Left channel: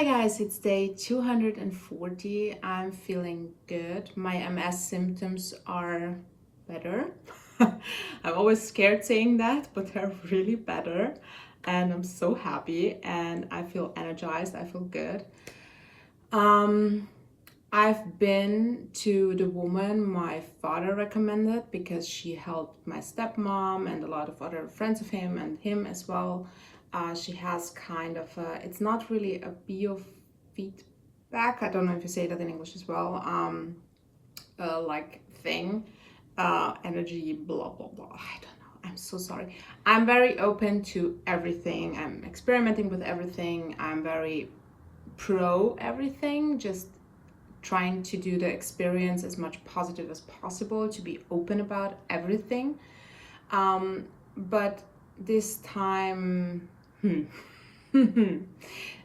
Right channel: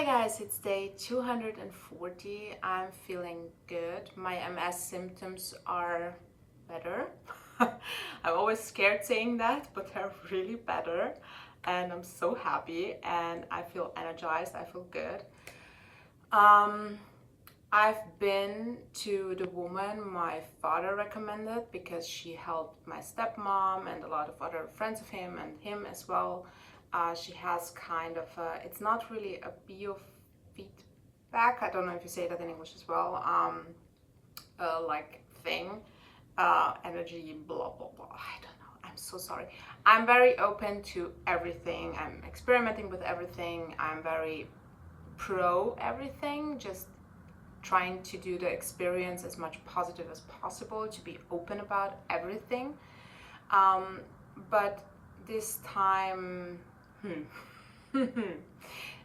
Hi guys, it's day 240. I'm feeling good. My MS symptoms are better. I'm always scared saying that, but they're really better. And I'm so happy and I feel energized. I feel good. Um, I've been to the woman my father recommended because she helped my stepmom and a lot of other friends of him and him as well. She has kind of it's not really a biofeedback. I don't know if you say that in English as well. Like thing, energy, blah blah blah. I don't know. I'm so sorry. I'm very open to everything. I'm experimenting with everything. I'm very pro everything. Just trying to do the experience as much positive as possible, to be open about everything. But this time,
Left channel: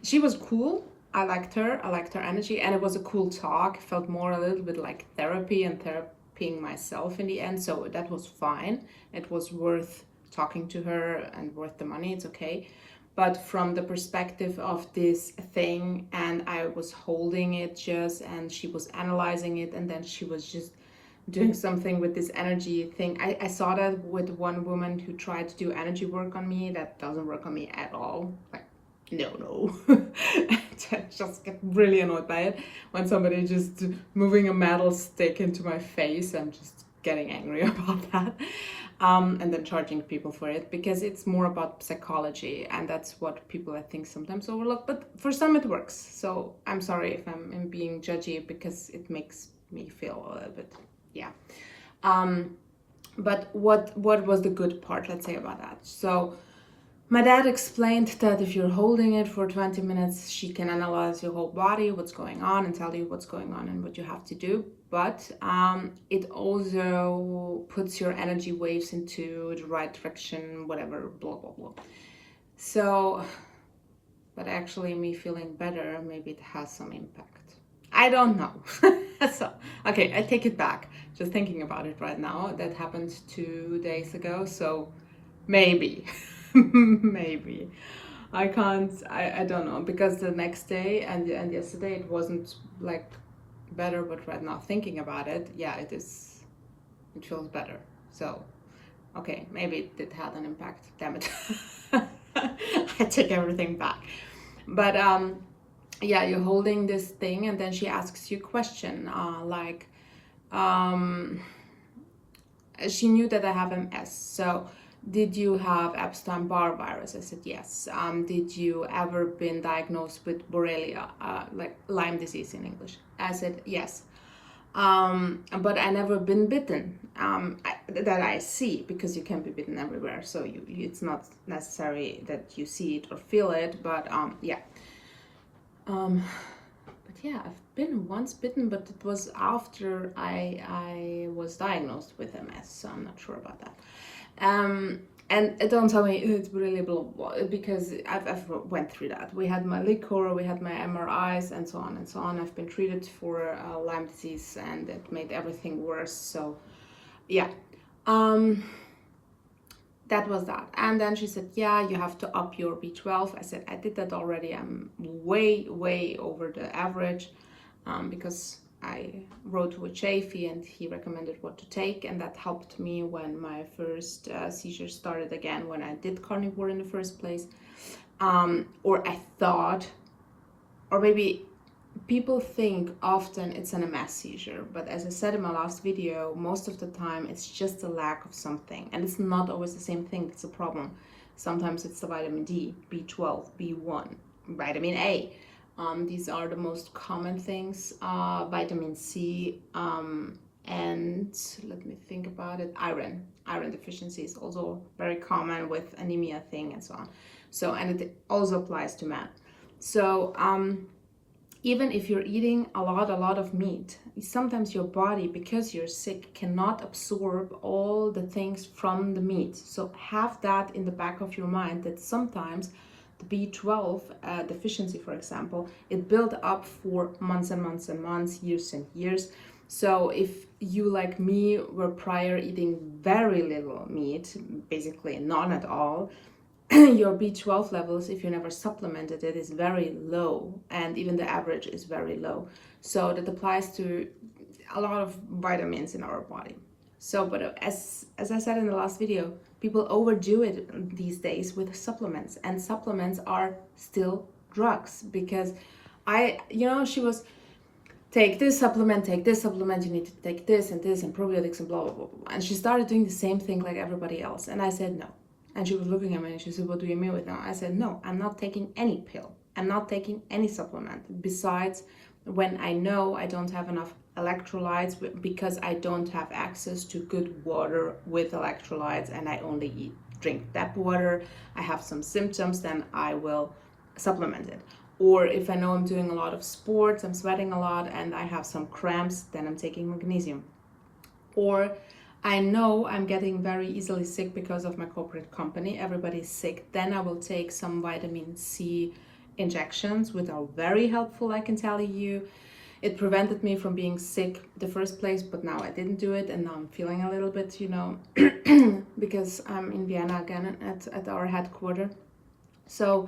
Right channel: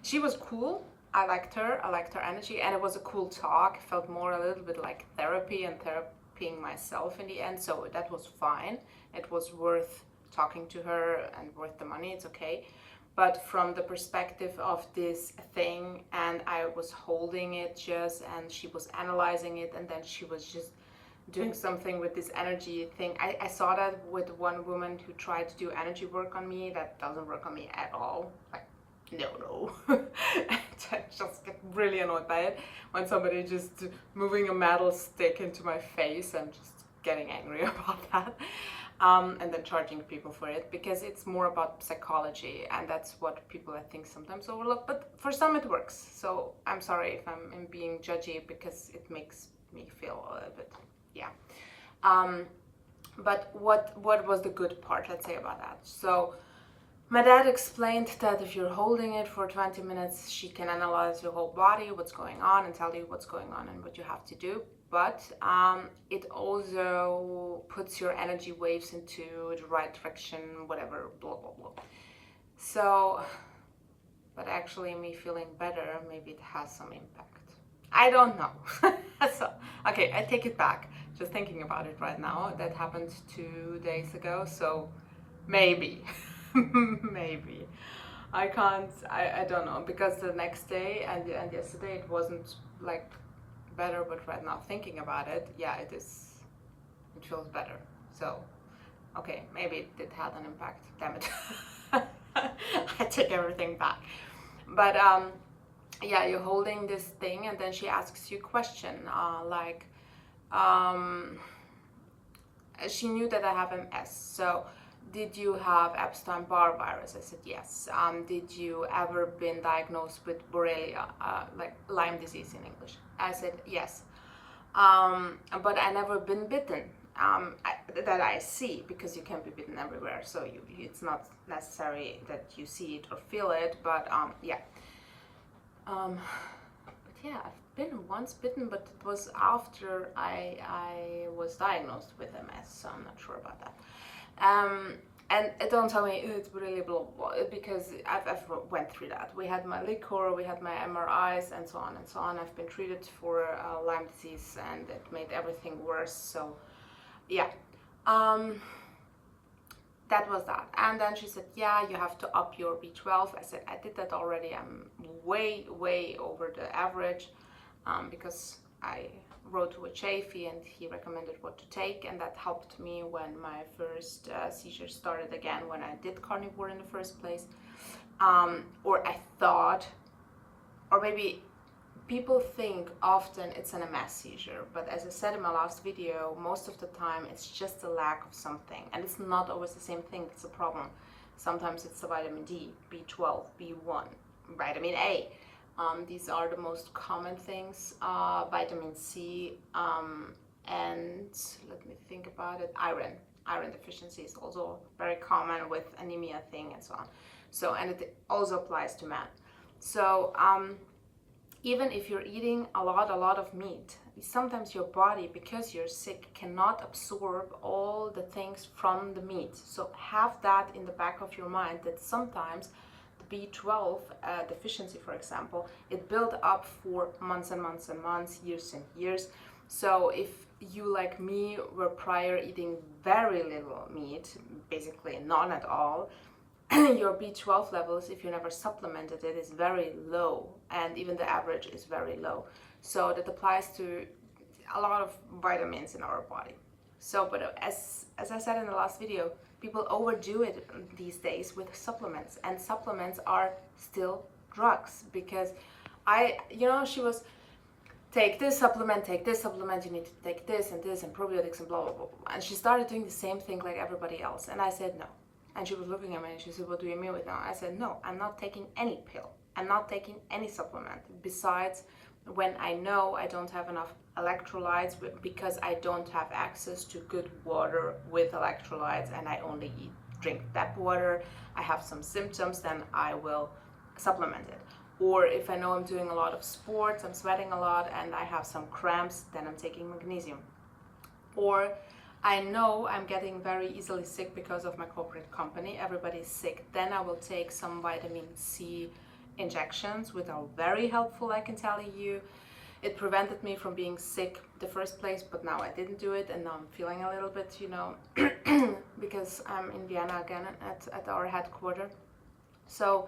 she was cool. I liked her. I liked her energy, and it was a cool talk. It felt more a little bit like therapy and therapying myself in the end. So that was fine. It was worth talking to her and worth the money. It's okay. But from the perspective of this thing, and I was holding it just, and she was analyzing it, and then she was just doing something with this energy thing. I saw that with one woman who tried to do energy work on me. That doesn't work on me at all. Like, no. I just get really annoyed by it when somebody just moving a metal stick into my face. I'm just getting angry about that. And then charging people for it, because it's more about psychology, and that's what people I think sometimes overlook, but for some it works. So I'm sorry if I'm being judgy, because it makes me feel a little bit, yeah. But what was the good part, let's say, about that? So my dad explained that if you're holding it for 20 minutes, she can analyze your whole body, what's going on, and tell you what's going on and what you have to do. But it also puts your energy waves into the right direction, whatever, blah, blah, blah. So, but actually me feeling better, maybe it has some impact. I don't know. So, okay, I take it back. Just thinking about it right now, that happened 2 days ago, so maybe. Maybe I can't, I don't know, because the next day and yesterday it wasn't like better, but right now thinking about it, yeah, it feels better. So okay, maybe it did have an impact, damn it. I take everything back. But yeah, you're holding this thing and then she asks you a question, like she knew that I have MS, so did you have Epstein-Barr virus? I said yes. Did you ever been diagnosed with Borrelia, like Lyme disease in English? I said yes. But I never been bitten, that I see, because you can be bitten everywhere. So it's not necessary that you see it or feel it, but yeah. But yeah, I've been once bitten, but it was after I was diagnosed with MS, so I'm not sure about that. And don't tell me it's really blah, blah, blah, because I've went through that. We had my liquor, we had my MRIs, and so on and so on. I've been treated for Lyme disease, and it made everything worse. So yeah, that was that. And then she said, yeah, you have to up your B12. I said, I did that already. I'm way over the average, because I wrote with Chafee and he recommended what to take, and that helped me when my first seizure started again, when I did carnivore in the first place. Or I thought, or maybe people think often it's an MS seizure, but as I said in my last video, most of the time it's just a lack of something, and it's not always the same thing that's a problem. Sometimes it's the vitamin D, B12, B1, vitamin A. These are the most common things. Vitamin C, and let me think about it. Iron deficiency is also very common with anemia thing and so on. So, and it also applies to men. So even if you're eating a lot of meat, sometimes your body, because you're sick, cannot absorb all the things from the meat. So have that in the back of your mind, that sometimes the B12 deficiency, for example, it built up for months and months and months, years and years. So if you, like me, were prior eating very little meat, basically none at all, your B12 levels, if you never supplemented it, is very low, and even the average is very low. So that applies to a lot of vitamins in our body. So, but as I said in the last video, people overdo it these days with supplements, and supplements are still drugs, because she was, take this supplement, you need to take this and probiotics and blah, blah, blah, blah. And she started doing the same thing like everybody else. And I said, no. And she was looking at me and she said, what do you mean with no? I said, no, I'm not taking any pill. I'm not taking any supplement. Besides, when I know I don't have enough electrolytes because I don't have access to good water with electrolytes and I only drink tap water, I have some symptoms, then I will supplement it. Or if I know I'm doing a lot of sports, I'm sweating a lot and I have some cramps, then I'm taking magnesium. Or I know I'm getting very easily sick because of my corporate company, everybody's sick, then I will take some vitamin C injections, which are very helpful, I can tell you. It prevented me from being sick the first place, but now I didn't do it, and now I'm feeling a little bit, because I'm in Vienna again at our headquarters. So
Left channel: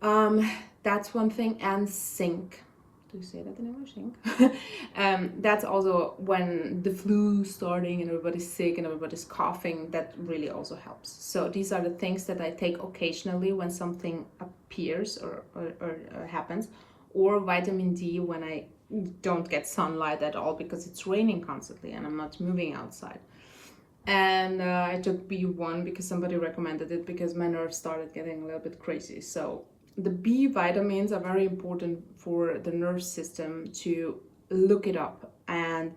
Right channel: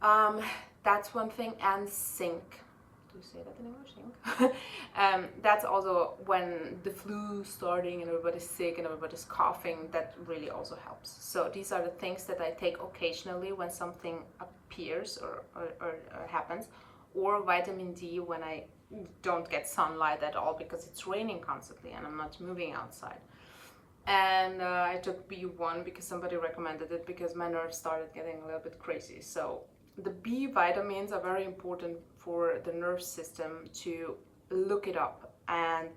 that's one thing. And zinc. Do you say that in English? Zinc? That's also when the flu starting and everybody's sick and everybody's coughing, that really also helps. So these are the things that I take occasionally when something appears or happens. Or vitamin D when I don't get sunlight at all because it's raining constantly and I'm not moving outside. And I took B1 because somebody recommended it because my nerves started getting a little bit crazy. So the B vitamins are very important for the nerve system to look it up and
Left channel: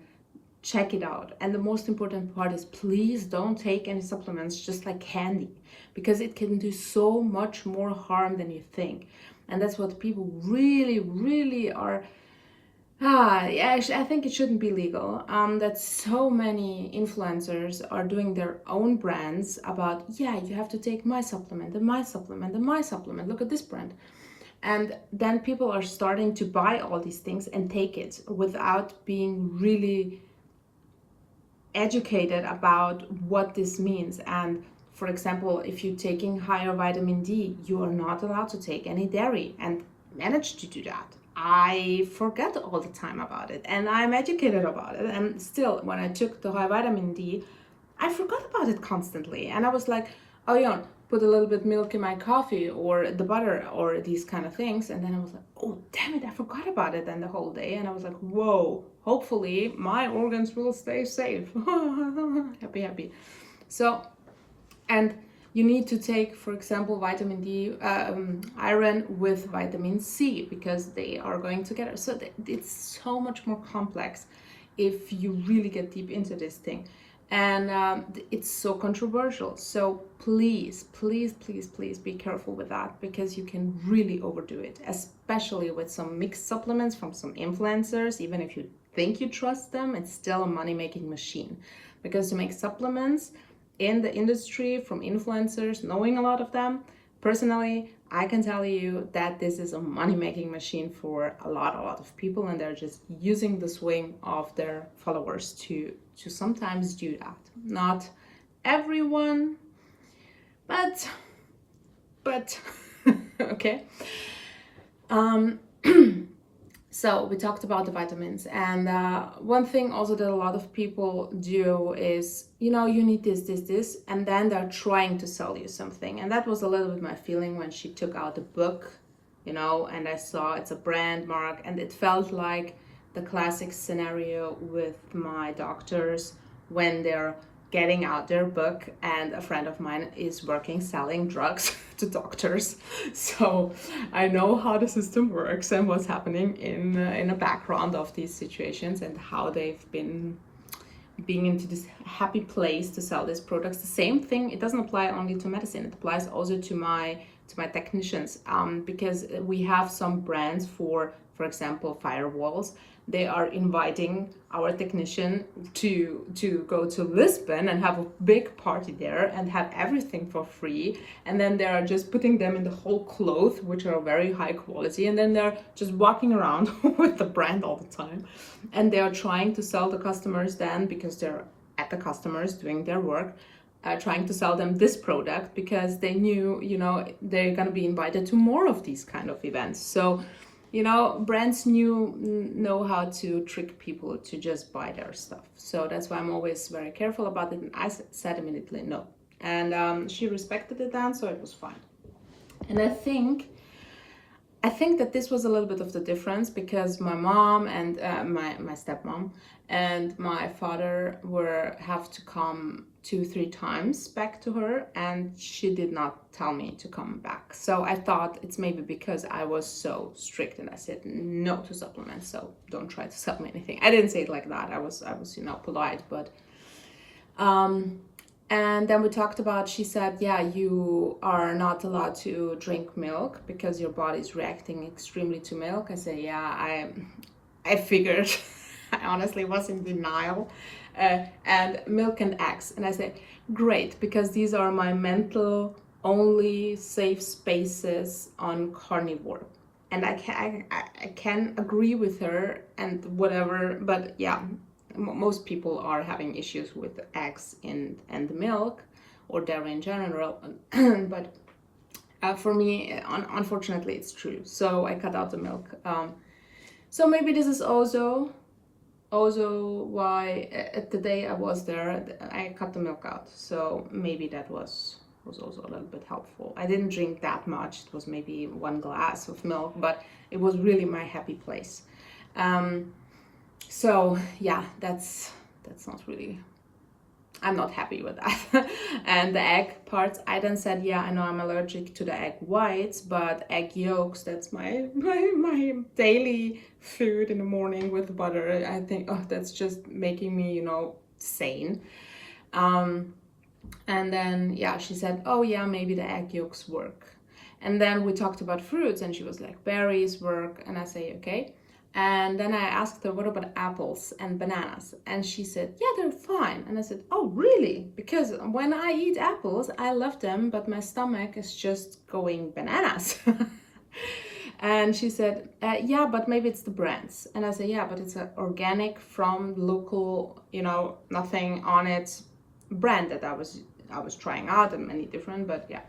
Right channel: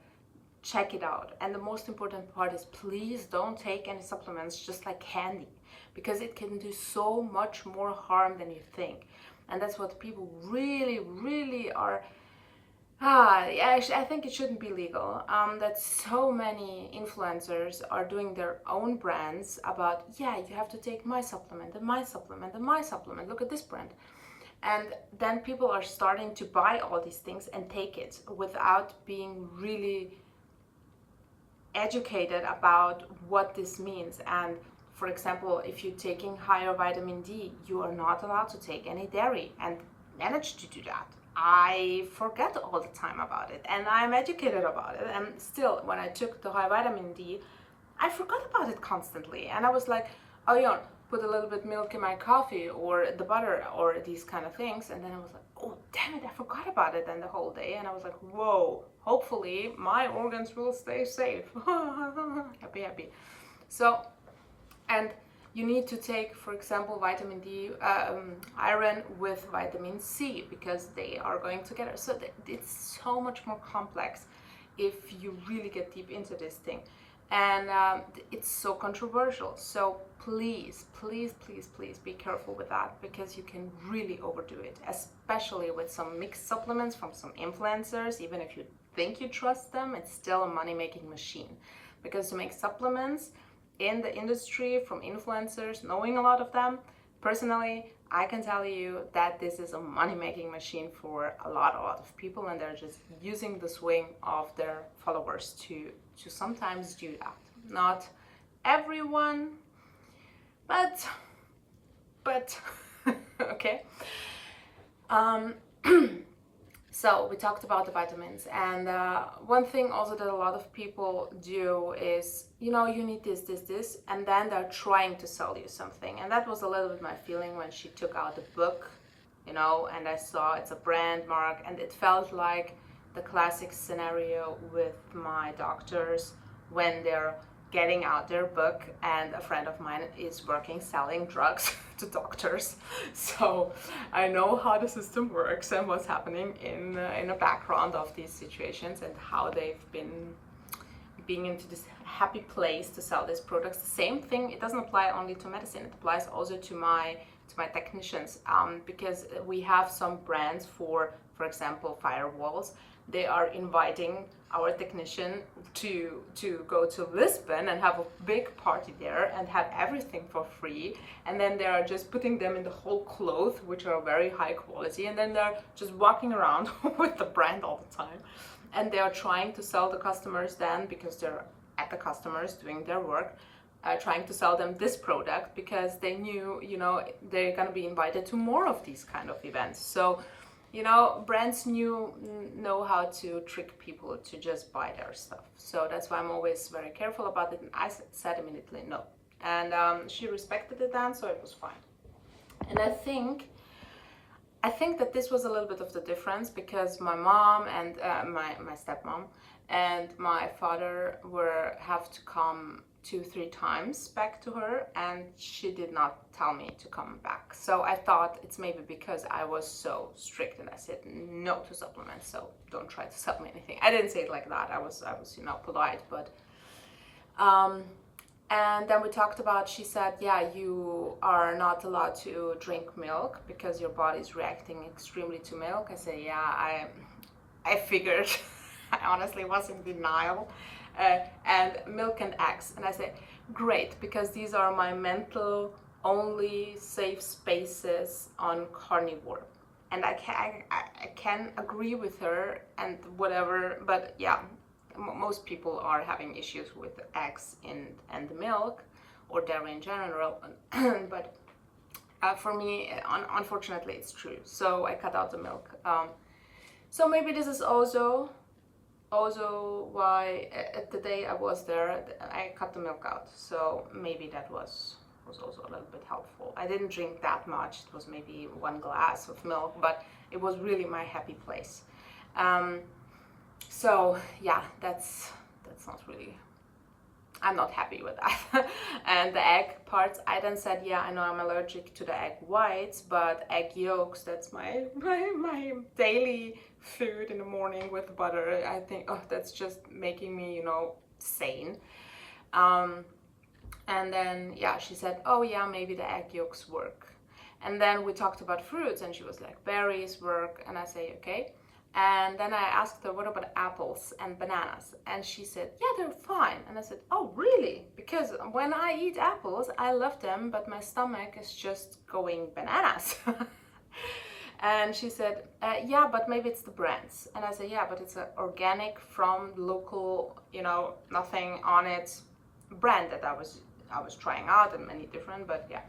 check it out. And the most important part is, please don't take any supplements just like candy, because it can do so much more harm than you think. And that's what people really are. I think it shouldn't be legal. That so many influencers are doing their own brands about, yeah, you have to take my supplement and my supplement and my supplement. Look at this brand. And then people are starting to buy all these things and take it without being really educated about what this means. And for example, if you're taking higher vitamin D, you are not allowed to take any dairy, and manage to do that. I forget all the time about it, and I'm educated about it. And still, when I took the high vitamin D, I forgot about it constantly. And I was like, oh yeah, put a little bit milk in my coffee or the butter or these kind of things. And then I was like, oh, damn it, I forgot about it then the whole day. And I was like, whoa, hopefully my organs will stay safe. Happy. So, and you need to take, for example, vitamin D, iron with vitamin C, because they are going together. So it's so much more complex if you really get deep into this thing. And it's so controversial. So please be careful with that, because you can really overdo it, especially with some mixed supplements from some influencers. Even if you think you trust them, it's still a money-making machine, because to make supplements in the industry from influencers, knowing a lot of them personally, I can tell you that this is a money-making machine for a lot of people, and they're just using the swing of their followers to sometimes do that. Not everyone, but okay. So we talked about the vitamins, and one thing also that a lot of people do is, you need this, and then they're trying to sell you something. And that was a little bit my feeling when she took out the book, and I saw it's a brand mark, and it felt like the classic scenario with my doctors when they're getting out their book, and a friend of mine is selling drugs to doctors. So I know how the system works and what's happening in the background of these situations, and how they've been being into this happy place to sell these products. The same thing, it doesn't apply only to medicine, it applies also to my technicians, because we have some brands for example, firewalls. They are inviting our technician to go to Lisbon and have a big party there and have everything for free. And then they are just putting them in the whole clothes, which are very high quality. And then they're just walking around with the brand all the time. And they are trying to sell the customers then, because they're at the customers doing their work, trying to sell them this product because they knew, you know, they're going to be invited to more of these kind of events. So, you know, brands know how to trick people to just buy their stuff. So that's why I'm always very careful about it. And I said immediately no. And she respected it then, so it was fine. And I think that this was a little bit of the difference because my mom and my stepmom and my father have to come 2-3 times back to her, and she did not tell me to come back. So I thought it's maybe because I was so strict and I said no to supplements, so don't try to sell me anything. I didn't say it like that. I was you know, polite, but and then we talked about, she said, yeah, you are not allowed to drink milk because your body's reacting extremely to milk. I said, yeah, I figured. I honestly was in denial. And milk and eggs. And I said, great, because these are my mental only safe spaces on Carnivore. And I can agree with her and whatever, but yeah, most people are having issues with eggs and milk or dairy in general. But for me, unfortunately, it's true. So I cut out the milk. So maybe this is also why the day I was there, I cut the milk out. So maybe that was also a little bit helpful. I didn't drink that much. It was maybe 1 glass of milk, but it was really my happy place. So yeah, that's not really, I'm not happy with that. And the egg parts, I then said, yeah, I know I'm allergic to the egg whites, but egg yolks, that's my daily food in the morning with butter. I think, oh, that's just making me, you know, sane. And then, yeah, she said, oh yeah, maybe the egg yolks work. And then we talked about fruits, and she was like, berries work. And I say, okay. And then I asked her, what about apples and bananas? And she said, yeah, they're fine. And I said, oh, really? Because when I eat apples, I love them, but my stomach is just going bananas. And she said, yeah, but maybe it's the brands. And I said, yeah, but it's an organic from local, you know, nothing on it brand that I was trying out, and many different, but yeah.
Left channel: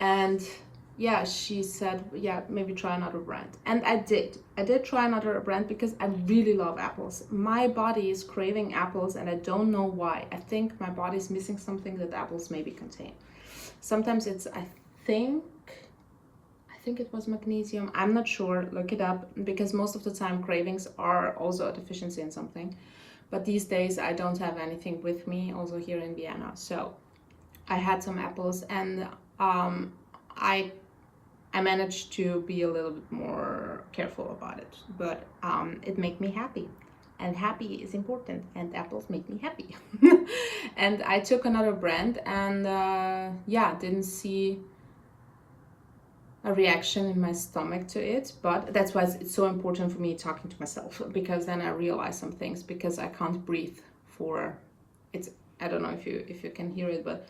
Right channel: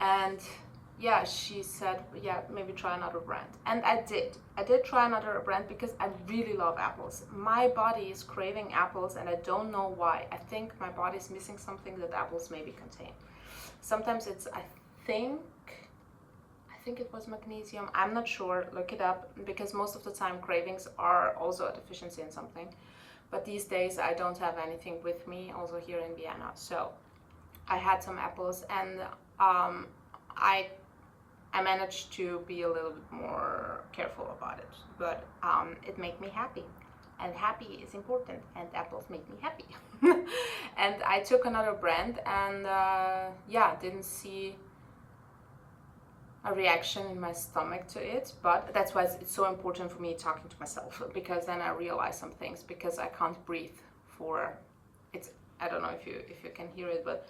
And yeah, she said, yeah, maybe try another brand. And I did try another brand because I really love apples. My body is craving apples, and I don't know why. I think my body's missing something that apples maybe contain. Sometimes it's, I think it was magnesium. I'm not sure, look it up, because most of the time cravings are also a deficiency in something. But these days I don't have anything with me, also here in Vienna. So I had some apples, and I managed to be a little bit more careful about it, but it made me happy, and happy is important, and apples make me happy. And I took another brand, and yeah, didn't see a reaction in my stomach to it, but that's why it's so important for me talking to myself, because then I realize some things, because I can't breathe for, it's, I don't know if you can hear it, but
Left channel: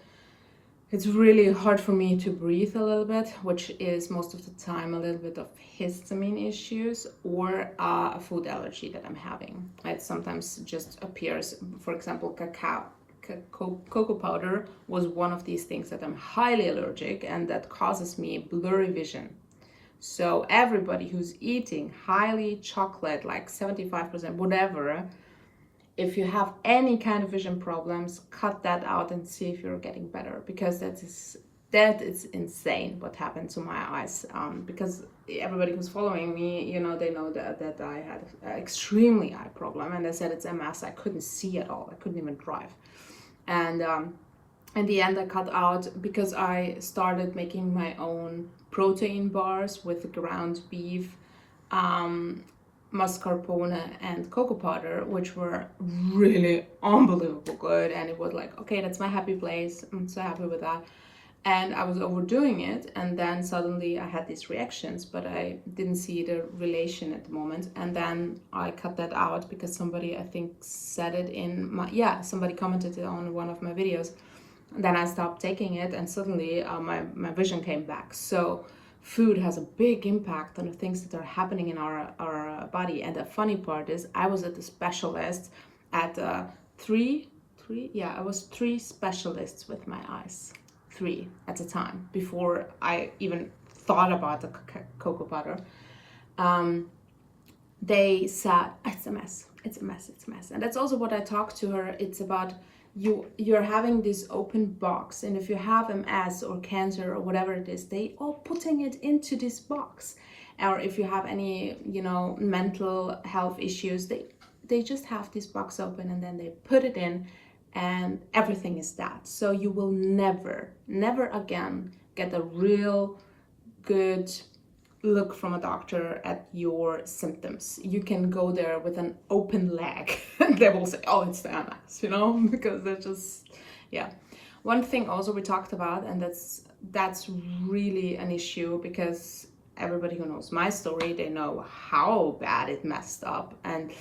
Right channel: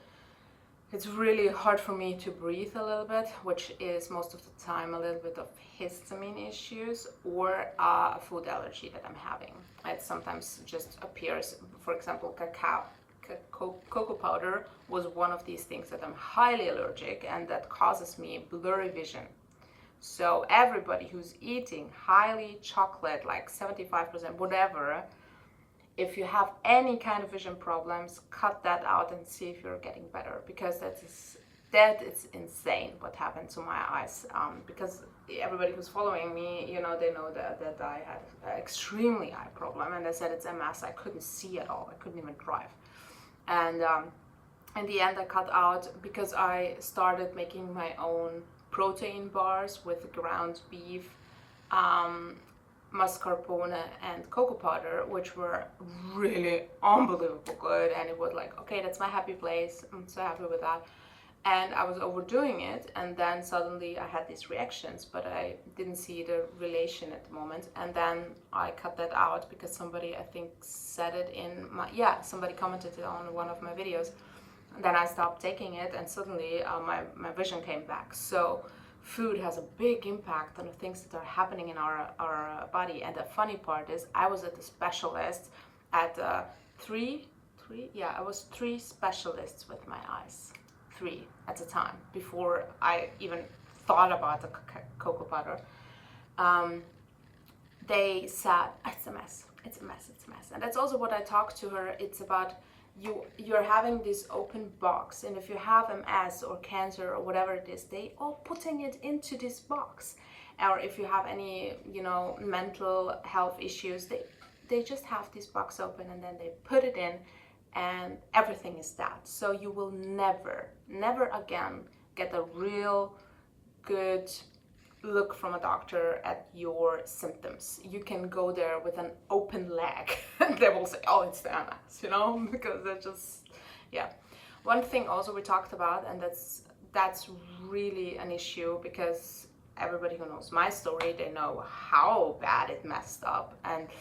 it's really hard for me to breathe a little bit, which is most of the time a little bit of histamine issues or a food allergy that I'm having. It sometimes just appears, for example, cocoa powder was one of these things that I'm highly allergic, and that causes me blurry vision. So everybody who's eating highly chocolate, like 75%, whatever, if you have any kind of vision problems, cut that out and see if you're getting better, because that is insane what happened to my eyes. Because everybody who's following me, you know, they know that I had an extremely eye problem, and they said it's MS. I couldn't see at all. I couldn't even drive. And in the end, I cut out because I started making my own protein bars with ground beef, mascarpone and cocoa powder, which were really unbelievable good. And it was like, okay, that's my happy place. I'm so happy with that. And I was overdoing it, and then suddenly I had these reactions, but I didn't see the relation at the moment. And then I cut that out because somebody, I think, said it in my, yeah, somebody commented it on one of my videos. Then I stopped taking it, and suddenly my vision came back. So food has a big impact on the things that are happening in our body. And the funny part is, I was at the specialist at 3 three. Yeah, I was three specialists with my eyes. Three at a time before I even thought about the cocoa butter. They said it's a mess, it's a mess, it's a mess. And that's also what I talked to her. It's about you're having this open box, and if you have MS or cancer or whatever it is, they all putting it into this box. Or if you have any, you know, mental health issues, they just have this box open and then they put it in, and everything is that. So you will never again get a real good look from a doctor at your symptoms. You can go there with an open leg and they will say, oh, it's the MS, you know, because they're just, yeah. One thing also we talked about, and that's really an issue, because everybody who knows my story, they know how bad it messed up, and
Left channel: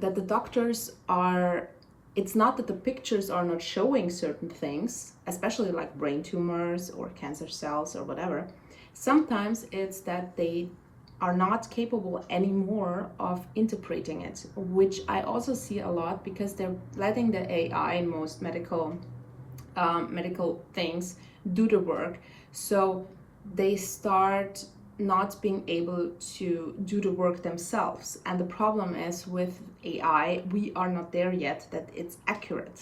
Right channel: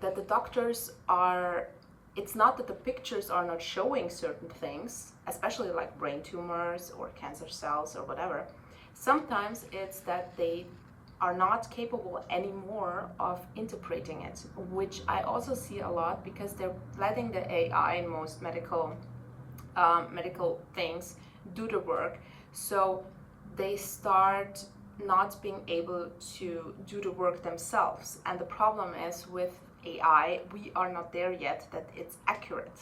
that the doctors are, it's not that the pictures are not showing certain things, especially like brain tumors or cancer cells or whatever. Sometimes it's that they are not capable anymore of interpreting it, which I also see a lot, because they're letting the AI in most medical things do the work. So they start not being able to do the work themselves. And the problem is with AI, we are not there yet that it's accurate.